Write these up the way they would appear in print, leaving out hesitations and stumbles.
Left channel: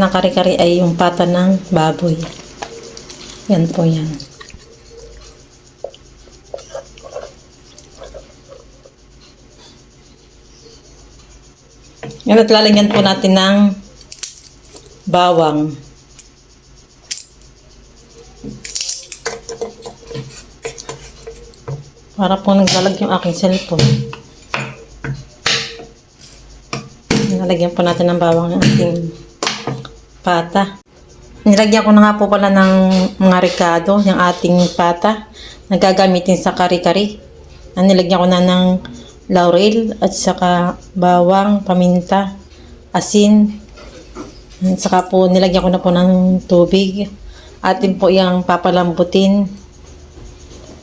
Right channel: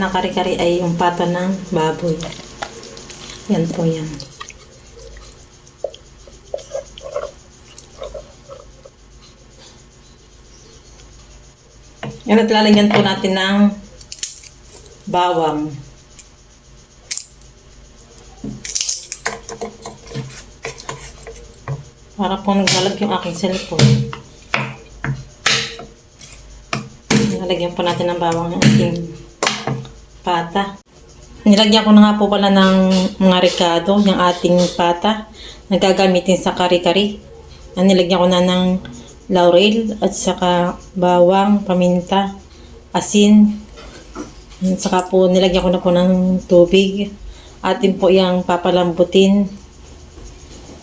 natin na kare-kare ay yung pata ng baboy. Yan po yan. Yan at lalagyan po natin ng bawang. Para po naglalag yung aking cellphone. Nalagyan po natin ng bawang ng ating pata. Nilagyan ko na nga po pala ng mga ricado, yung ating pata na gagamitin sa kare-kare. Nilagyan ko na ng laurel at saka bawang, paminta, asin. At saka po nilagyan ko na po ng tubig. Atin po yung papalambutin.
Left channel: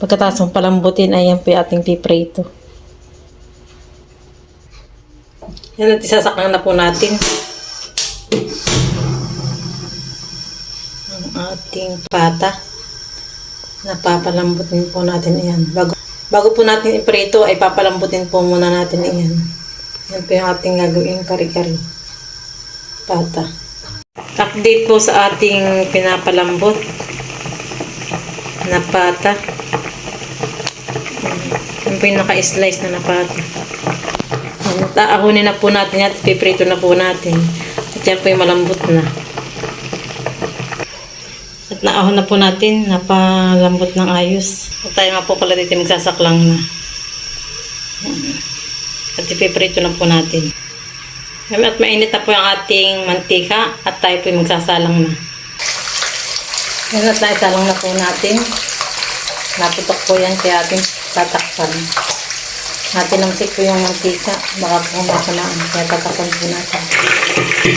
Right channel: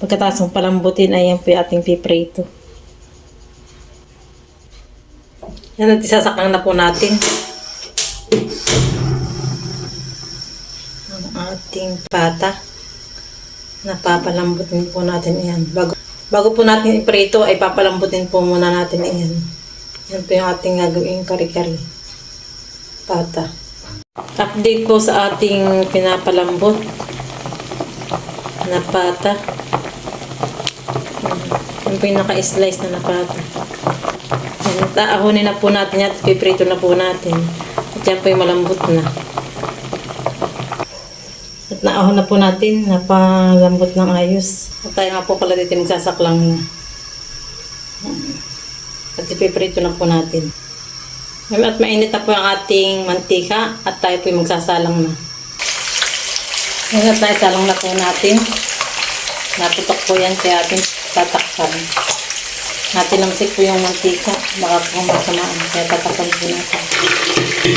Pagkatapos ng palambutin ay yan po yung ating piprito. Yan at isasaklang na po natin ang ating pata. Napapalambutin po natin yan. Bago po natin iprito ay papalambutin po muna natin yan. Yan po yung ating gagawin kare-kare. Pata. Update po sa ating pinapalambot na pata. Yan po yung naka-slice na pata. Taahunin na po natin at piprito na po natin. At yan po yung malambot na. At naahon na po natin, napalambot ng ayos. At tayo nga po pala dito magsasaklang na. At ipiprito na po natin. At mainit na po yung ating mantika at tayo po yung magsasalang na. Yan at naisalang na po natin. Naputok po yan kaya ating tatakpan. Natinamsik po yung mantika. Baka po masamaan. Kaya tatakpan po natin.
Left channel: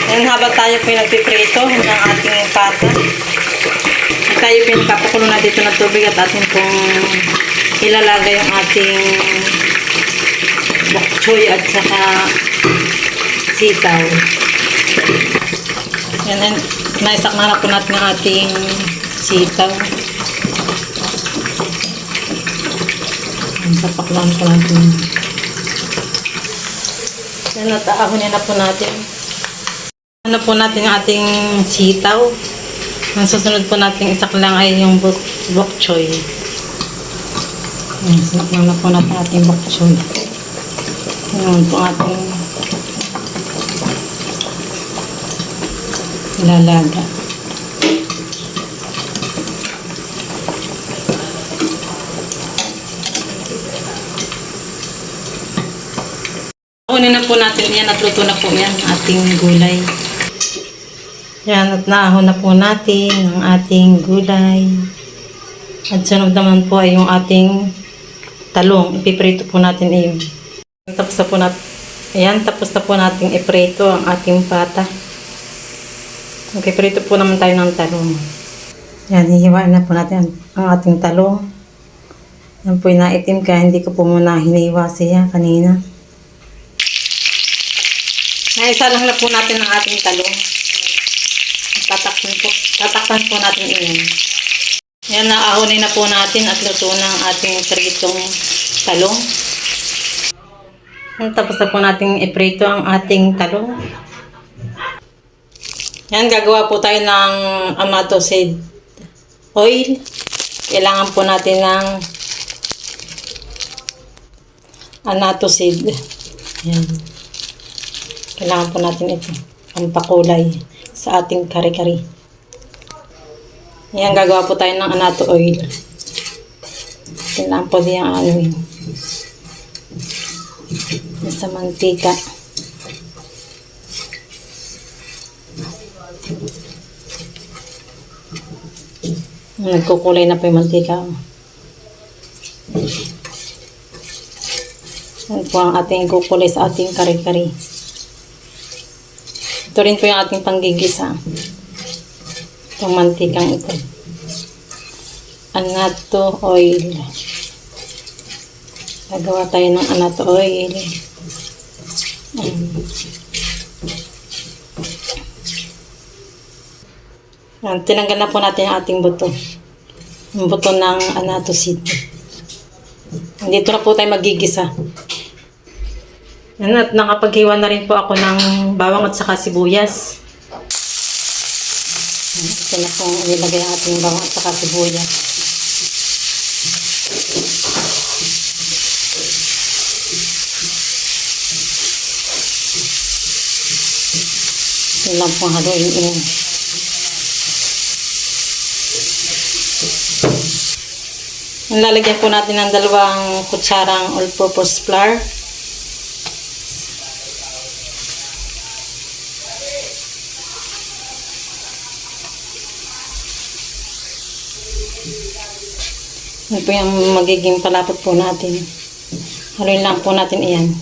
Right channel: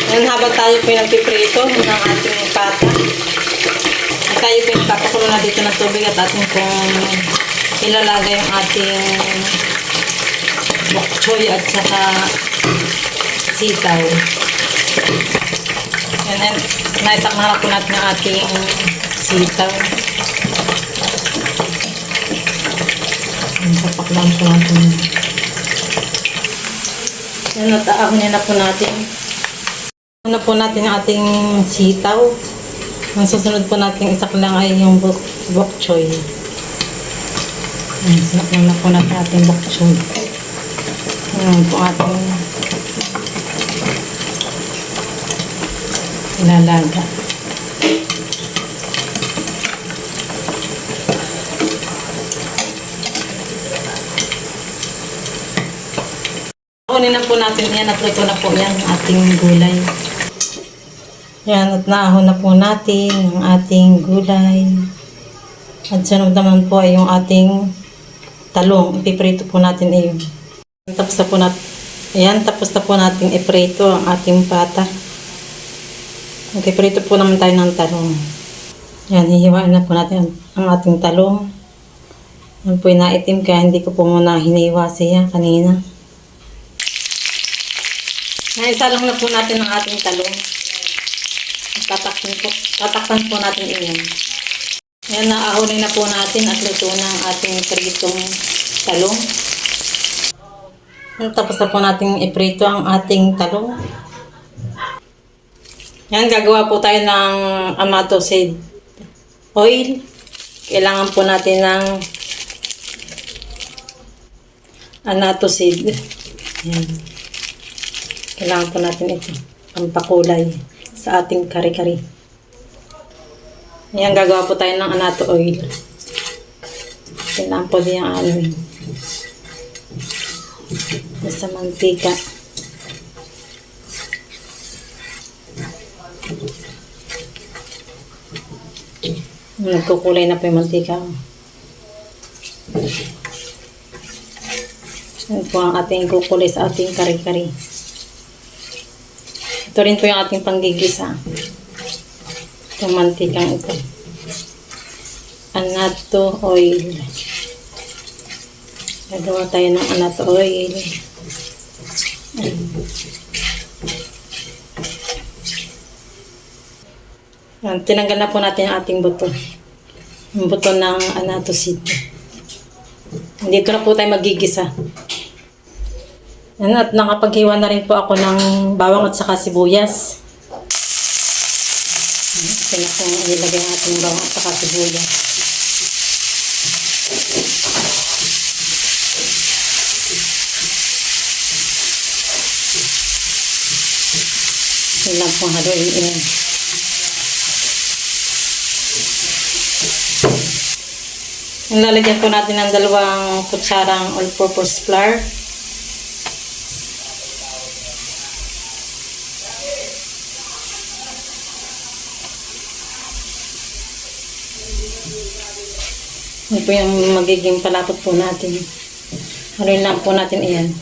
Ngayon habang tayo po yung nagpiprito ng ating pata. Tayo po yung papakulo na dito ng tubig at ating pong ilalagay yung ating bok choy at saka sitaw. Yan. Naisak na po natin ang ating sitaw. Papaklan po natin. Yan, nataahon na po natin. Ano po natin yung ating sitaw. Ang susunod po natin isaklang ay yung bok choy. Yan, sinaklang na po natin ating bok choy. Yan po ating ilalaga. Kunin na po natin yan at luto na po yan ating gulay. Yan at naahon na po natin ang ating gulay. At sunod naman po ay yung ating talong. Ipiprito po natin yun. Tapos na po natin. Ayan, tapos na po natin iprito ang ating pata. Ipiprito po naman tayo ng talong. Yan, hihiwaan na po natin ang ating talong. Yan po yung naitim kaya hindi ko po muna hiniwa siya kanina. Naisa lang na po natin ang ating talong. Tatakpan po natin iyon. Yan, naahonin na po natin at luto na ang ating pritong talong. Tapos na po natin iprito ang ating talong. Yan, gagawa po tayo ng amato seed oil. Kailangan po natin ng amato seed. Yan. Kailangan po natin ito. Ang pakulay sa ating kare-kare. Yan, gagawa po tayo ng amato oil. Kailangan po din ang anuin. Sa mantika. Nagkukulay na po yung mantika. Yan po ang ating kukulay sa ating kare-kare. Ito rin po yung ating panggigisa. Itong mantikang ito. Amato oil. Nagawa tayo ng amato oil. Yan, tinanggal na po natin ang ating buto. Yung buto ng amato seed. Dito na po tayo magigisa. Yan, at nakapaghiwa na rin po ako ng bawang at saka sibuyas. Ito na pong nilagay ang ating bawang at saka sibuyas. Yun lang pong haluin yan. Lalagyan po natin ng 2 kutsarang all-purpose flour. Yan po yung magiging palapot po natin. Haluin lang po natin iyan.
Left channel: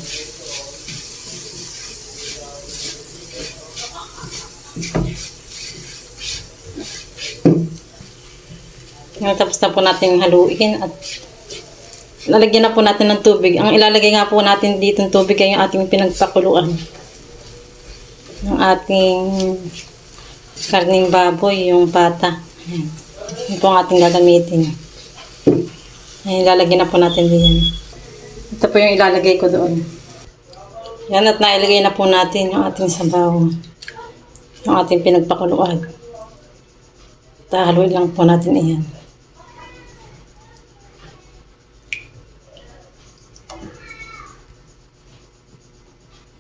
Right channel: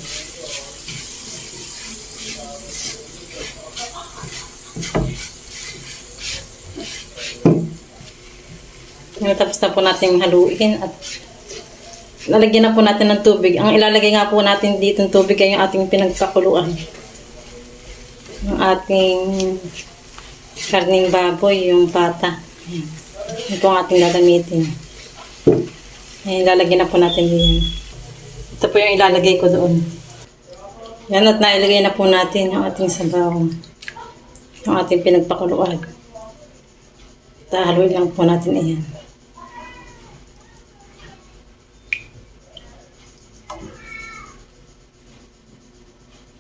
Tapos na po natin haluin at lalagyan na po natin ng tubig. Ang ilalagay nga po natin dito ng tubig ay yung ating pinagpakuluan. Yung ating karning baboy, yung pata. Ayan. Ito ang ating gagamitin. Ayan, ilalagay na po natin din. Ito po yung ilalagay ko doon. Yan, at nailagay na po natin yung ating sabaw. Yung ating pinagpakuluan. Haluin lang po natin iyan.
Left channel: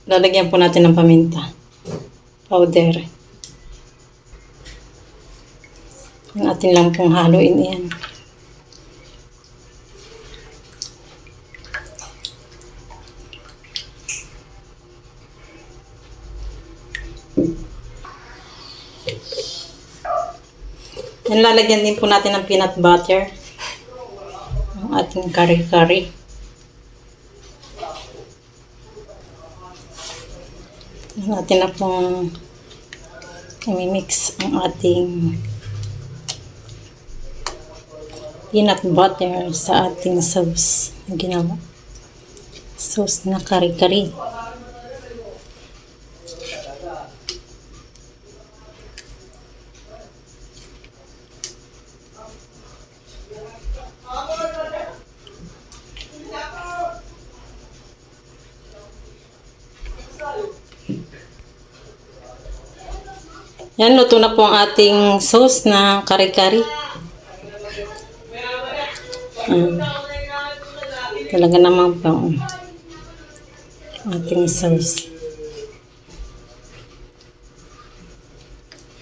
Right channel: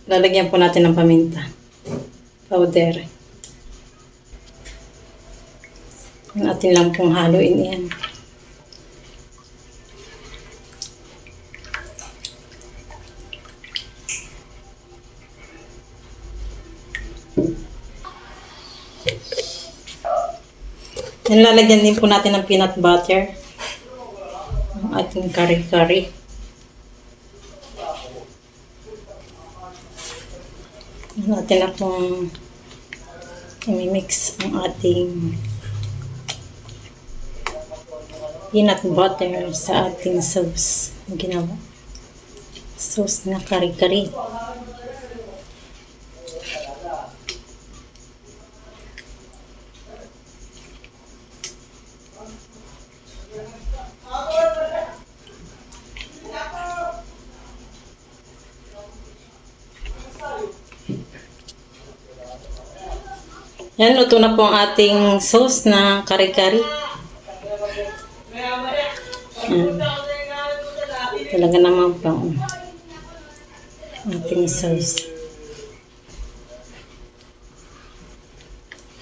Lalagyan po natin ng paminta powder. Yung atin lang pong haluin yan. Yan, lalagyan din po natin ng peanut butter. Ang ating kare-kare. Natin na pong i-mix ang ating peanut butter sa ating sauce na ginawa. Sauce na kare-kare. Yan, luto na po ang ating sauce na kare-kare. Talaga naman po ang ating sauce.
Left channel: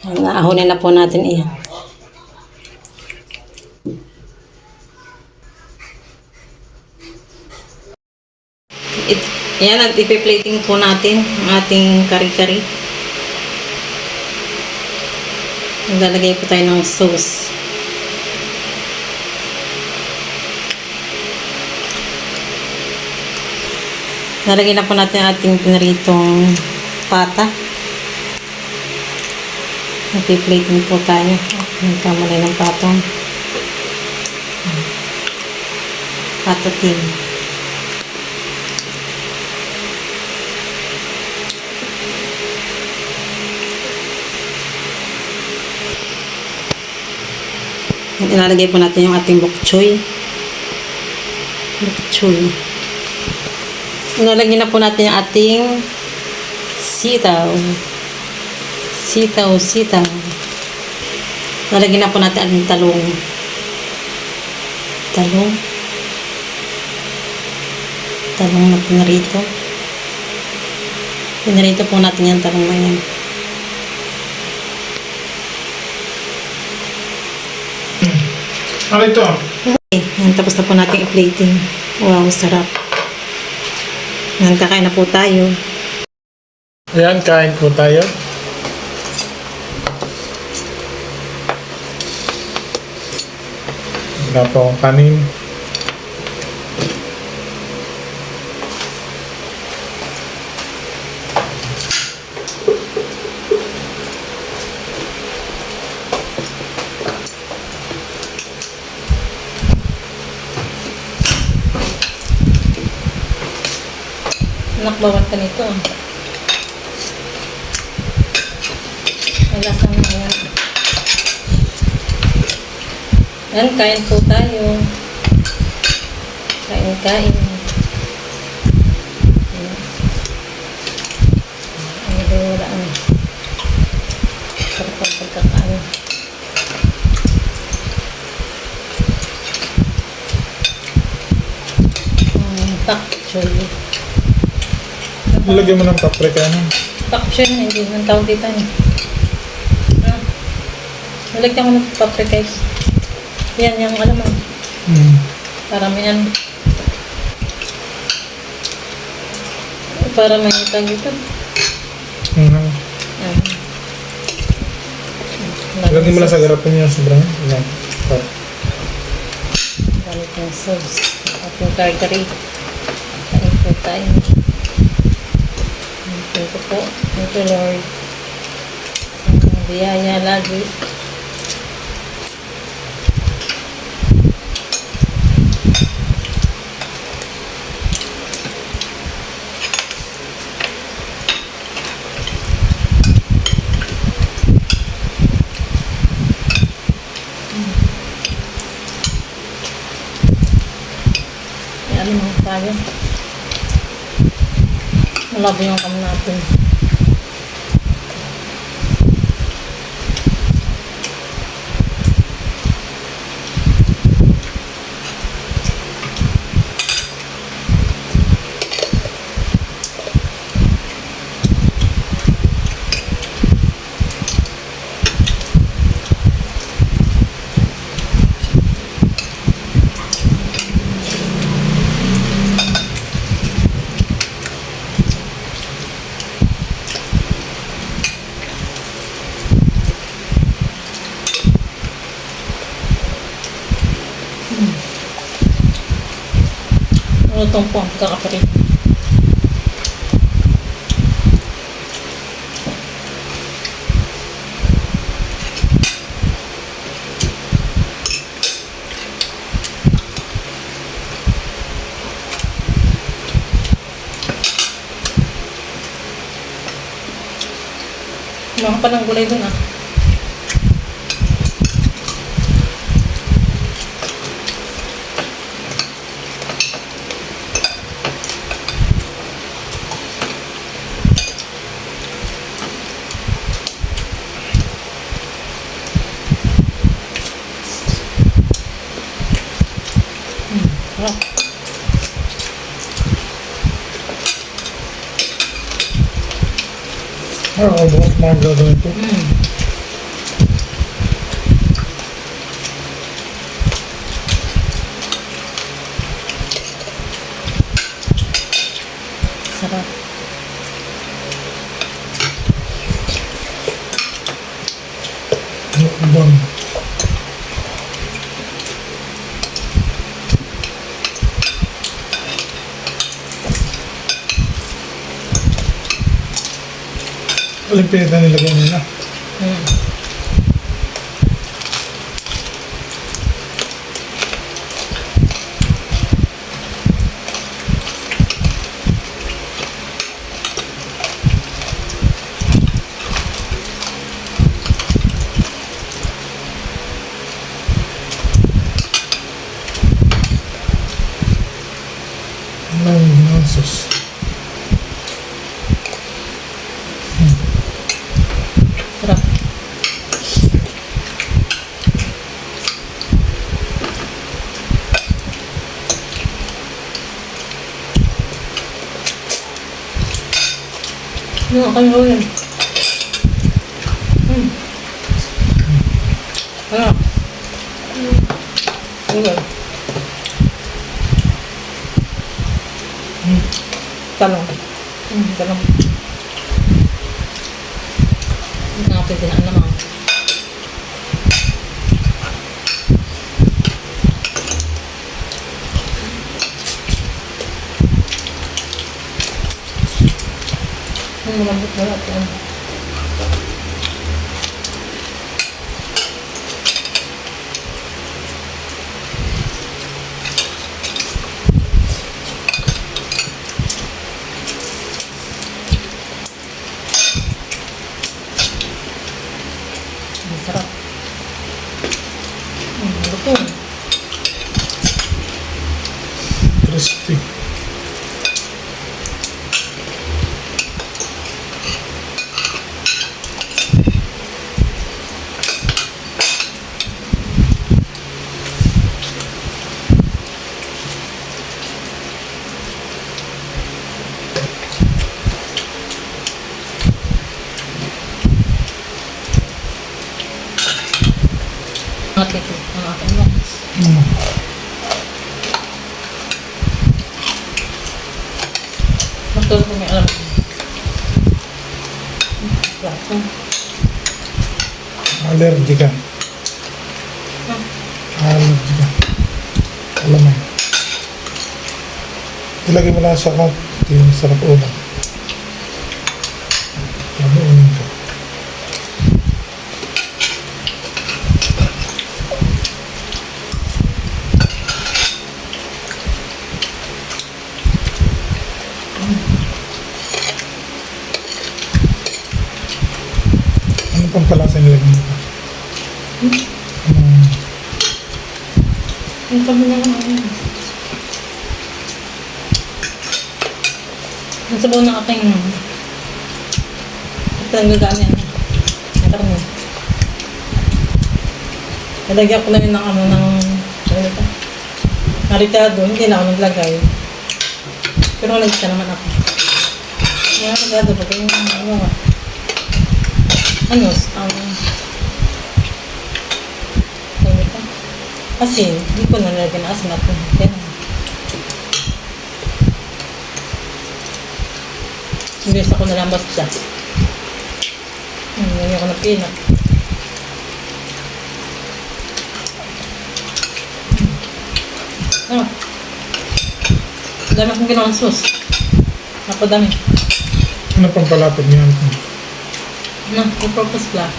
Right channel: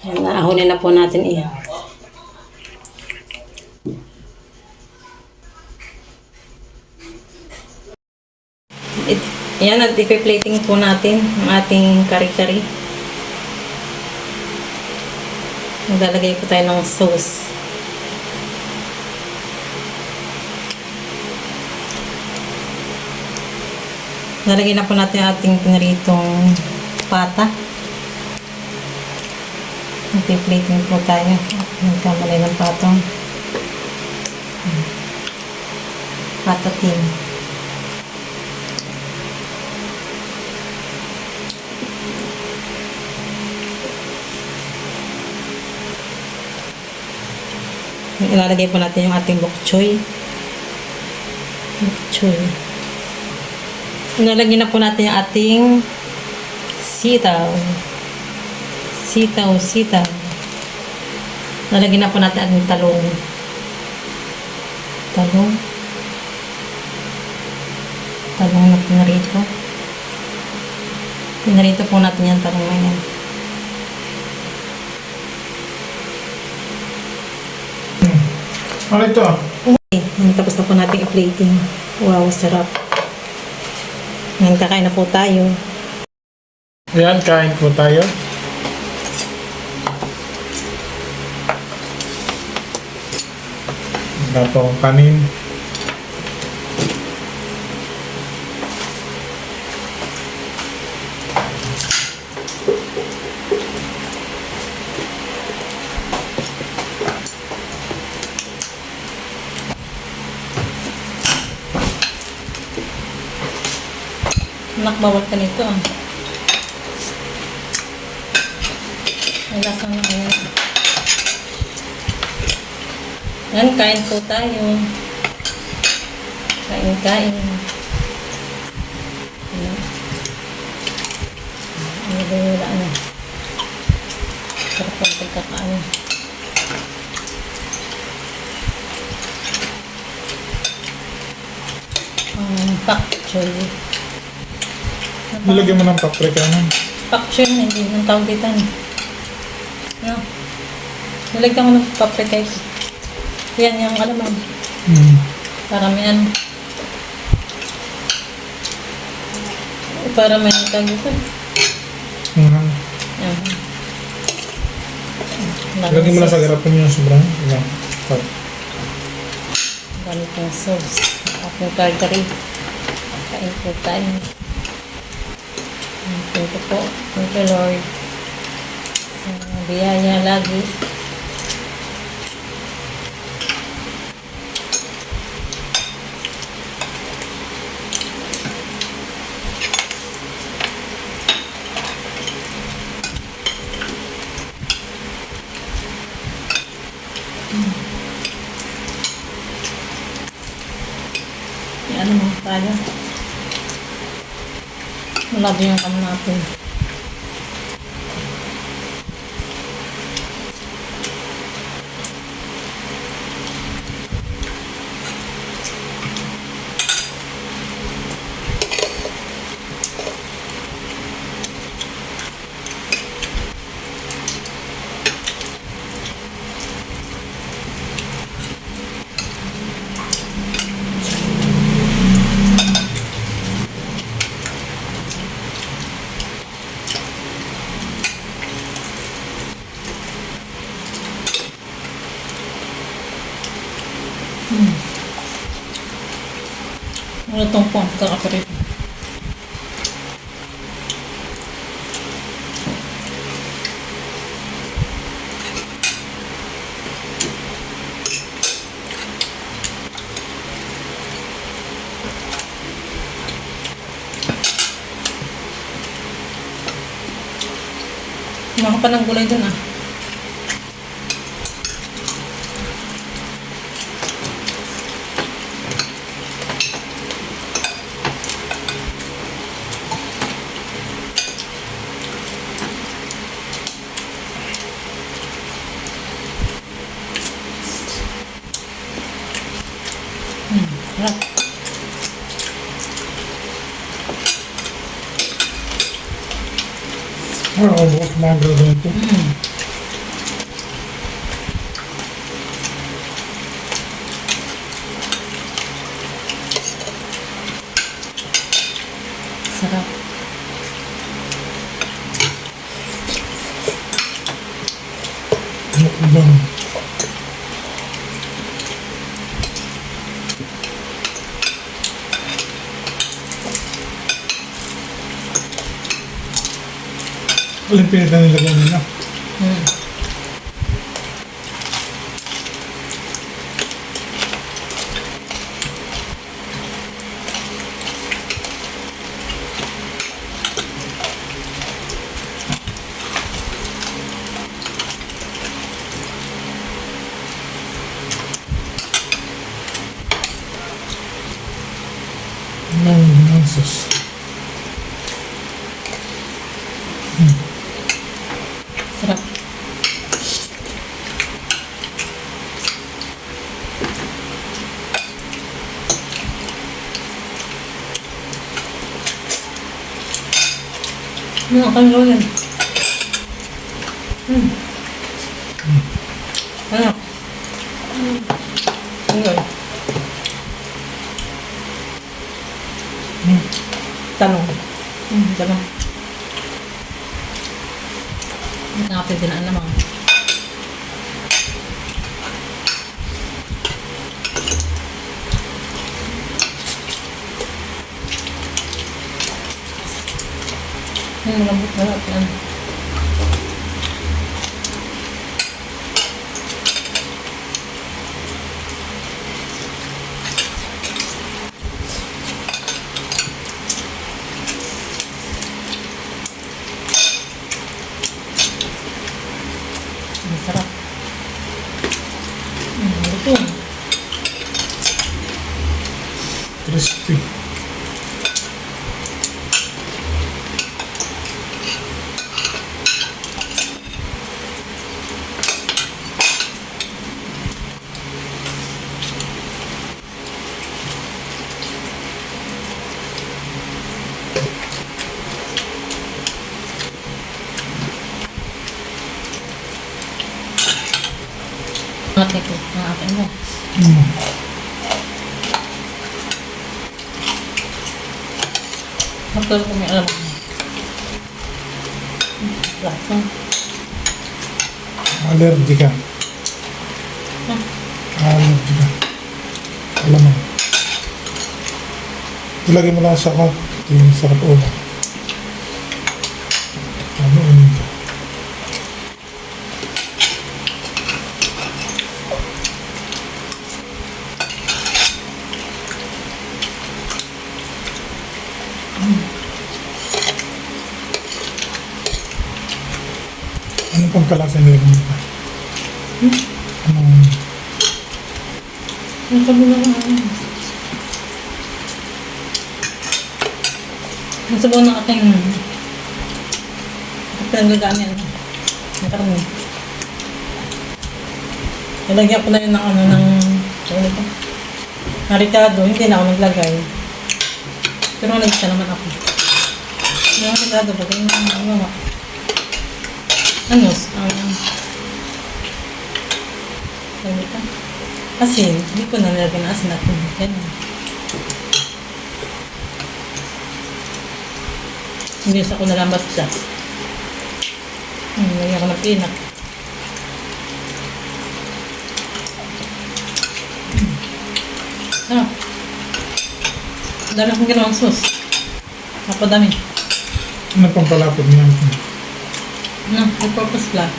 Yan, naahunin na po natin iyan. Yan, at ipi-plating po natin ang ating kare-kare. Maglalagay po tayo ng sauce. Nalagay na po natin ang ating pinaritong pata. Nagpi-plating po tayo. Nagkamalay ng patong. Pata team. Ilalagay po natin yung ating bok choy. Bok choy. Ilalagay na po natin yung ating sitaw. Sitaw. Ilalagay na po natin ang talong. Talong na pinarito. Pinarito po natin yung talong na yan. Ano ito? Okay, tapos na po natin i-plating. Wow, sarap. Yan, kakain na po tayo. Ayan, kain po tayo. Wala po akong kanin. Anak, bawal ka nito ah. Ay, lasang na yan. Yan, kain po tayo. Kain. Ay, wala na. Sarap ang pagkakain. Pak choy. Nilagyan mo ng paprika na. Pak choy na, hindi nang tawag dito. Ano? Nilagyan ko ng paprika. Yan, yung alamang. Para may ano. Para may tawag dito. Yan. Lagyan mo lang sa garapon niya sobrang. Yan. Gamit ng sauce. At yung kari-kari. Kain po tayo. Thank you po. Thank you, Lord. Sa biyaya lagi. Ano naman tayo? Malabo yung kam natin. Ano itong pong kakaparin? Mga pa ng gulay dun ah. Sarap. Bukas mga gagawin ito. Sarap. Mukbang. Walang pinita nilagyan nila. Sus. Sarap. Ano kayo yan? Ano? Okay. Talong. Talong. Hindi nga pwede na naman. Malambot na lahat yan. Ang sarap. Lutong. Crispy. Mm. Matulog ko may alam ko. Plato. Allergy ka. Hmm. Allergy ka. Alam mo. Ilagay mo lang sa cup. Yung sarap ulam. Kanuunin ka. Anong pampalasa nilagay mo pa? Anong Yung sabi na lang ako. Ang sabaw ng aking pinagagamit ng karne. Nalagyan ko na yun ng ano ng narikado. Hindi na ako naglagay. Pero nag-isa naman ako. Narikado ba? Kaya ano nga. Ano? Asin. Hindi ko na nilagyan ng asin natin. Yan. Hindi sa ko nalambas siya. Lagyan ko ng peanut. Ah. Dami akong ginawang sauce. Napadami. Anong pampalapot niya? No, may purpose black.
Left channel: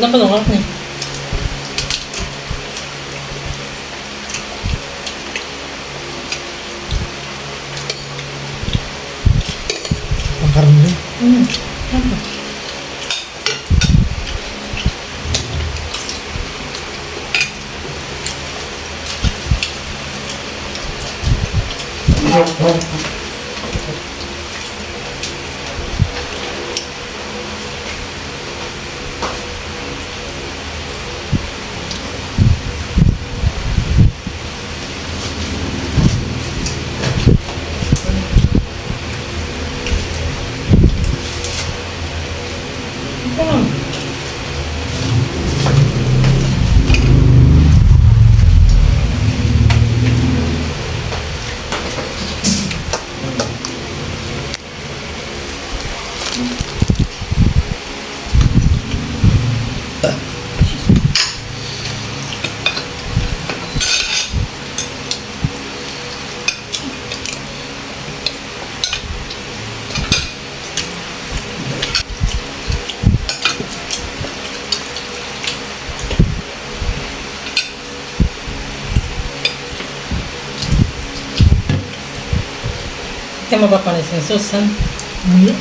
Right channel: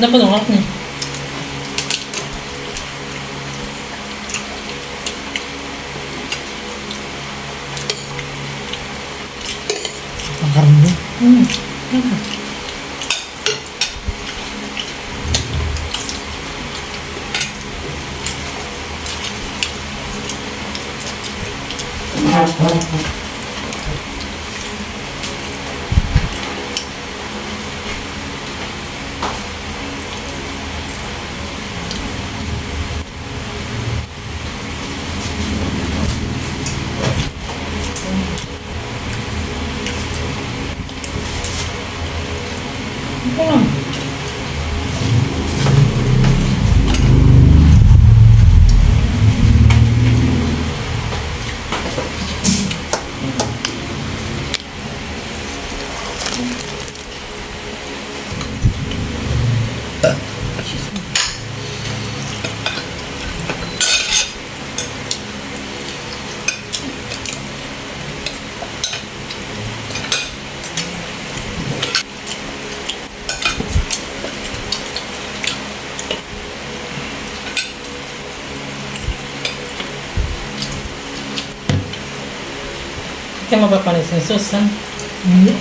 Dapat ako niya. Ang karne. Dapat. Ito lang. Kaya mapapanis yung sauce, ha? Hindi.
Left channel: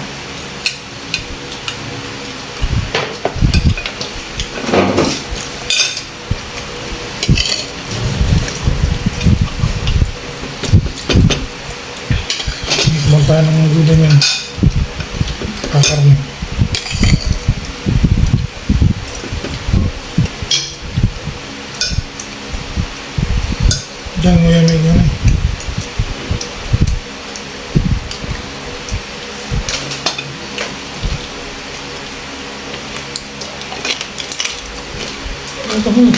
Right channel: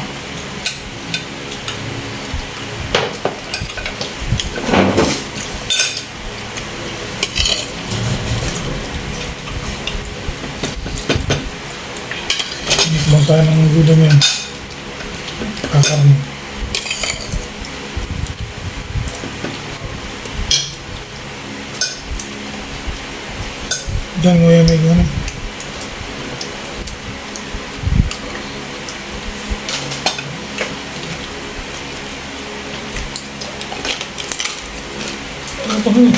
Magmang tayo ng gulay niyan. Kakarne. Diyan mo yan may gulay. Ito mo.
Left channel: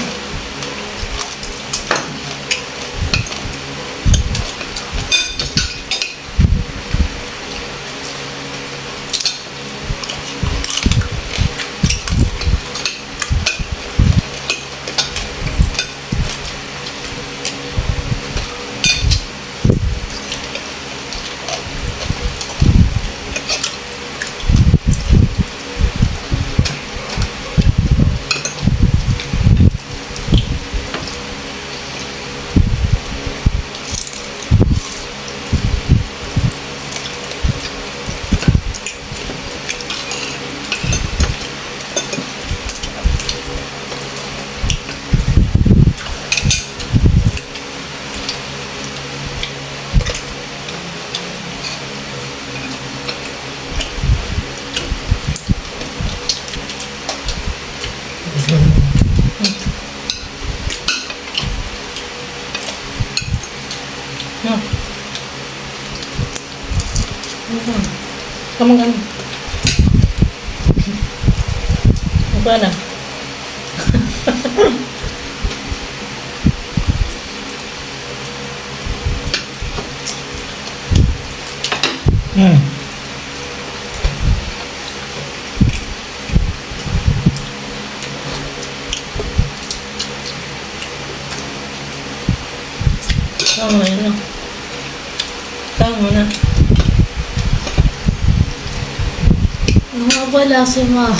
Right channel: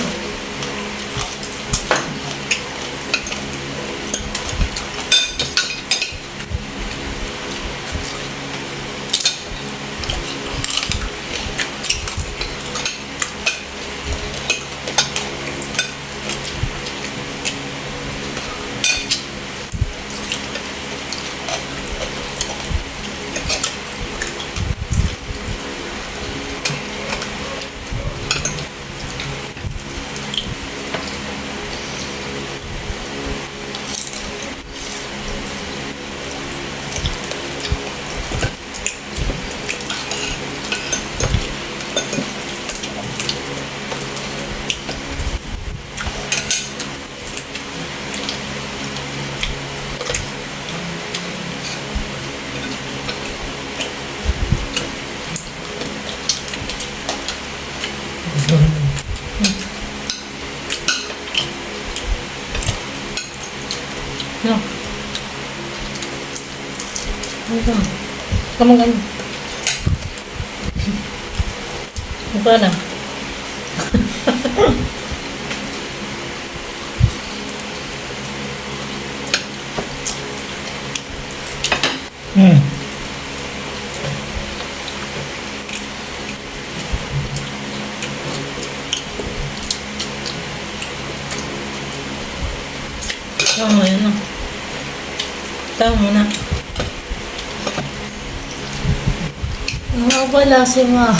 Kamang kami. Ano pa na? Hmm. Tama na yun. Tama na. Wala si Ma.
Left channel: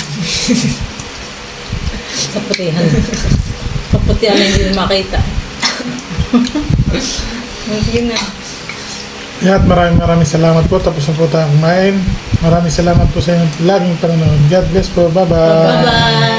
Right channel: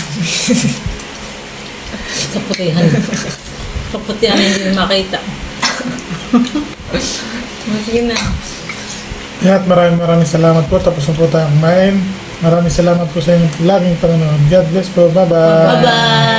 Kaputihan. Kaputihan na hindi na makita. Sige na. At maraming salamat po. Tapos na po tayo kumain. Maraming salamat po sa inyong laging panonood. God bless po. Bye-bye. Bye-bye.